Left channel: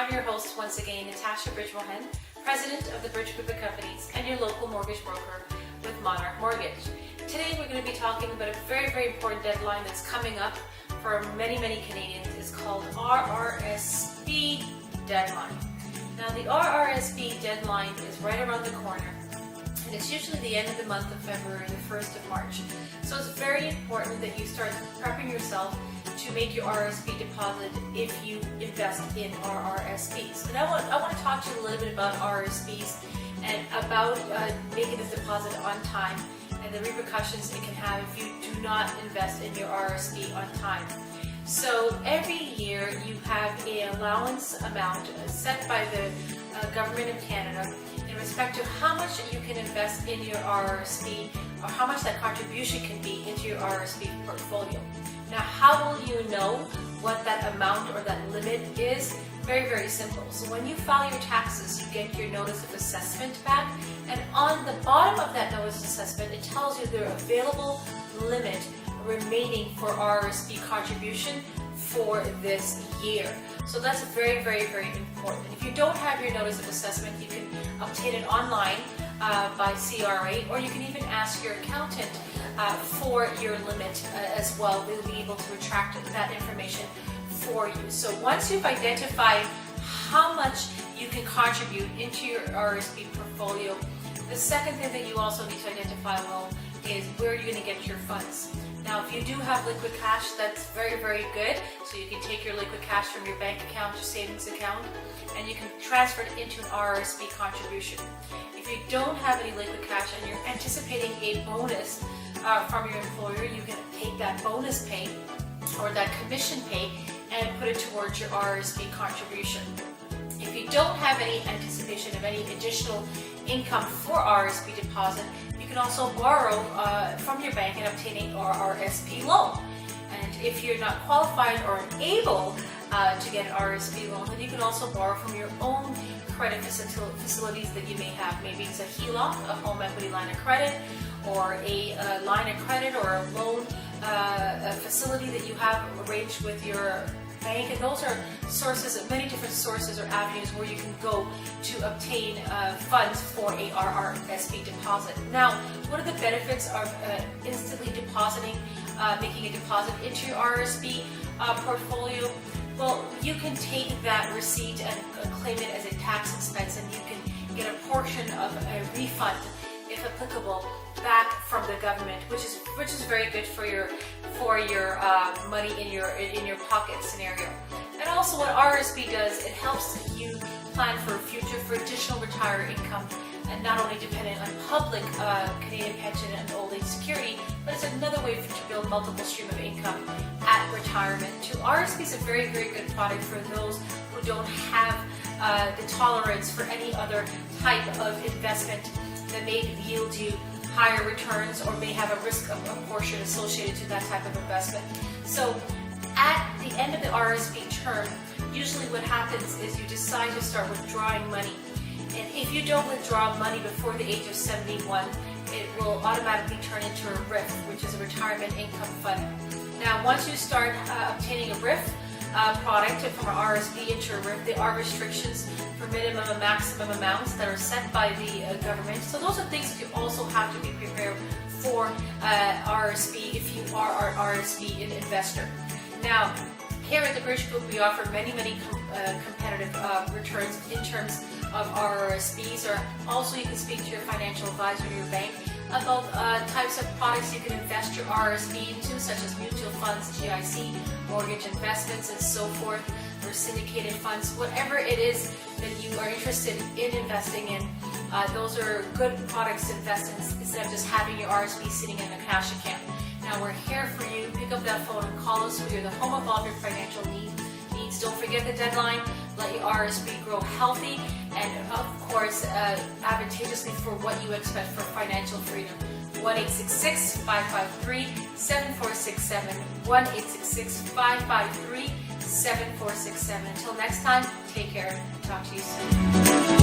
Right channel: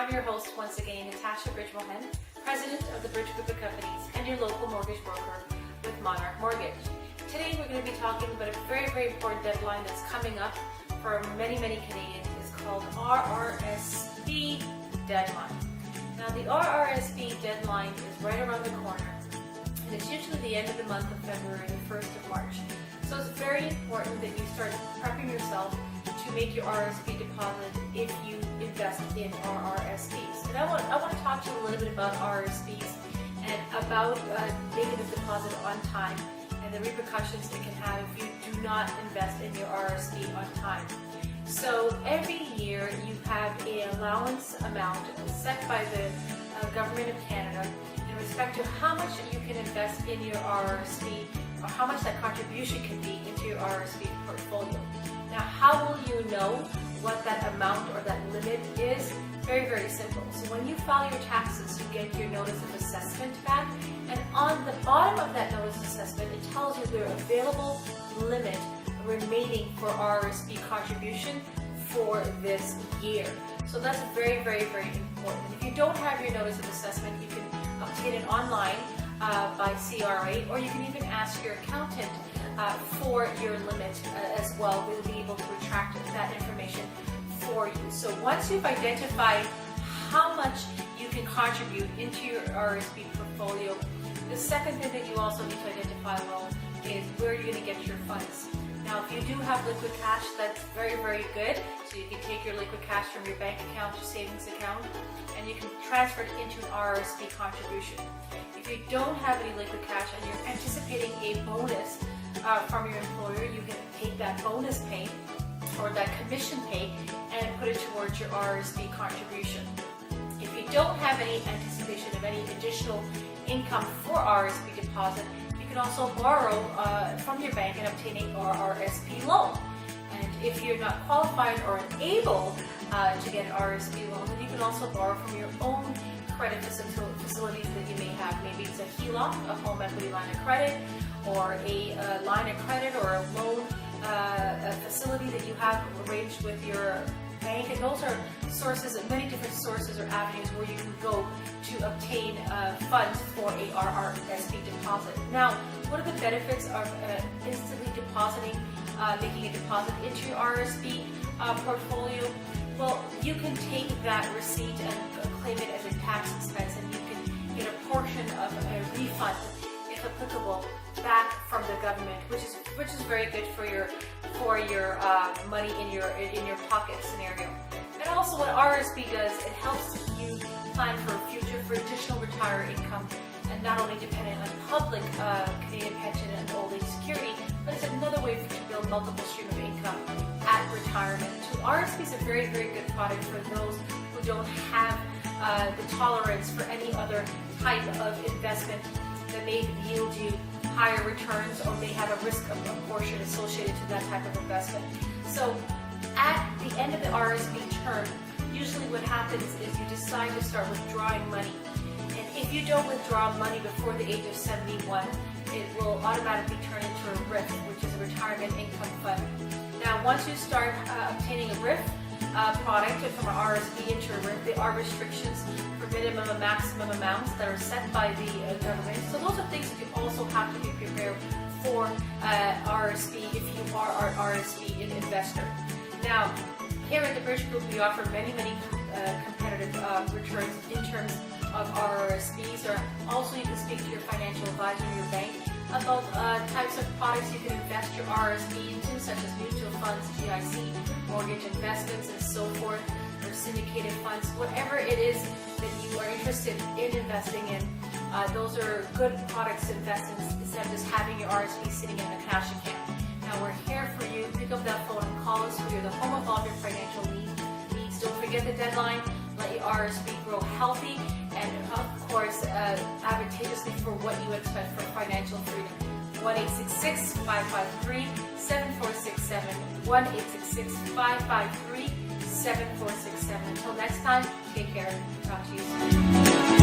I'm your host once again, Natasha Bridgmohan, President of the Bridge Group of Companies and your local mortgage broker with Monarch Mortgage. Today we're going to be talking about a very important deadline that's coming up for many Canadians. It's called RRSP Deadline. Now the RRSP Deadline is right around the corner, and it's usually the end of the month of February, the 1st of March. So it's very important that you start prepping yourself to make your RRSP deposit if you invest in RRSPs. And I want to talk to you a little bit about RRSPs and about making this deposit on time and the repercussions it can have if you do not invest in your RRSP on time. So every year you have an allowance amount set by the Government of Canada in respect to how much you can invest in your RRSP or how much that contribution can be into your RRSP portfolio. Now, how will you know what that amount or that limit is? Very simple. So when you file your taxes, you get your notice of assessment back, and on the bottom of that notice of assessment, it tells you the available limit remaining for RRSP contribution for this year. So that's very important. If you don't have your notice of assessment, you can obtain it online by CRA, or you can even ask your accountant for your limit as well. They'll be able to retract that information for you. So once you've identified how much you can contribute into your RRSP portfolio, the second thing that you also need to identify is where you're going to get your funds. Now, if you do have liquid cash, that's very good. So you can take your liquid cash from your bank account, your savings account, and you can transfer it into an RRSP contribution. If you don't have any liquid cash and you're anticipating a bonus from your employer, you can take that bonus pay or that commission pay and put it towards your RRSP contribution. If you don't have any anticipation of any additional income for RRSP deposit, you can also borrow from your bank and obtain an RRSP loan. And if you're not qualified or able to get an RRSP loan, then you can also borrow from your own credit facilities that you may have. Maybe it's a HELOC, a home equity line of credit, or a line of credit or a loan a facility that you have arranged with your bank. And those are sources, many different sources or avenues where you can go to obtain funds for a RRSP deposit. Now, what are the benefits of instantly depositing, making a deposit into your RRSP portfolio? Well, you can take that receipt and claim it as a tax expense, and you can get a portion of a refund, if applicable, back from the government, which is very good for your money in your pocket scenario. And also, what RRSP does, it helps you plan for a future for additional retiree income, and not only dependent on public Canadian pension and old age security, but it's another way to build multiple stream of income at retirement. So RRSP is a very good product for those who don't have the tolerance for any other type of investment that may yield you higher returns or may have a risk of a portion associated to that type of investment. So at the end of the RRSP term, usually what happens is you decide to start withdrawing money. And if you don't withdraw money before the age of 71, it will automatically turn into a RRIF, which is a retirement income fund. Now, once you start obtaining a RRIF product from an RRSP into a RRIF, there are restrictions for minimum and maximum amounts that are set by the government. So those are things that you also have to be prepared for RRSP if you are an RRSP investor. Now, here at the Bridge Group, we offer many competitive returns in terms of RRSPs, or also you can speak to your financial advisor in your bank about types of products you can invest your RRSP into, such as mutual funds, GIC, mortgage investments, and so forth, or syndicated funds. Whatever it is that you are interested in investing in, those are good products to invest in instead of just having your RRSP sitting in a cash account. Now, we're here for you. Pick up that phone and call us. We are the home of all your financial needs. Don't forget the deadline. Let your RRSP grow healthy and, of course, advantageously for what you expect for financial freedom. 1-866-553-7467. 1-866-553-7467. Until next time, take care. Talk to you soon.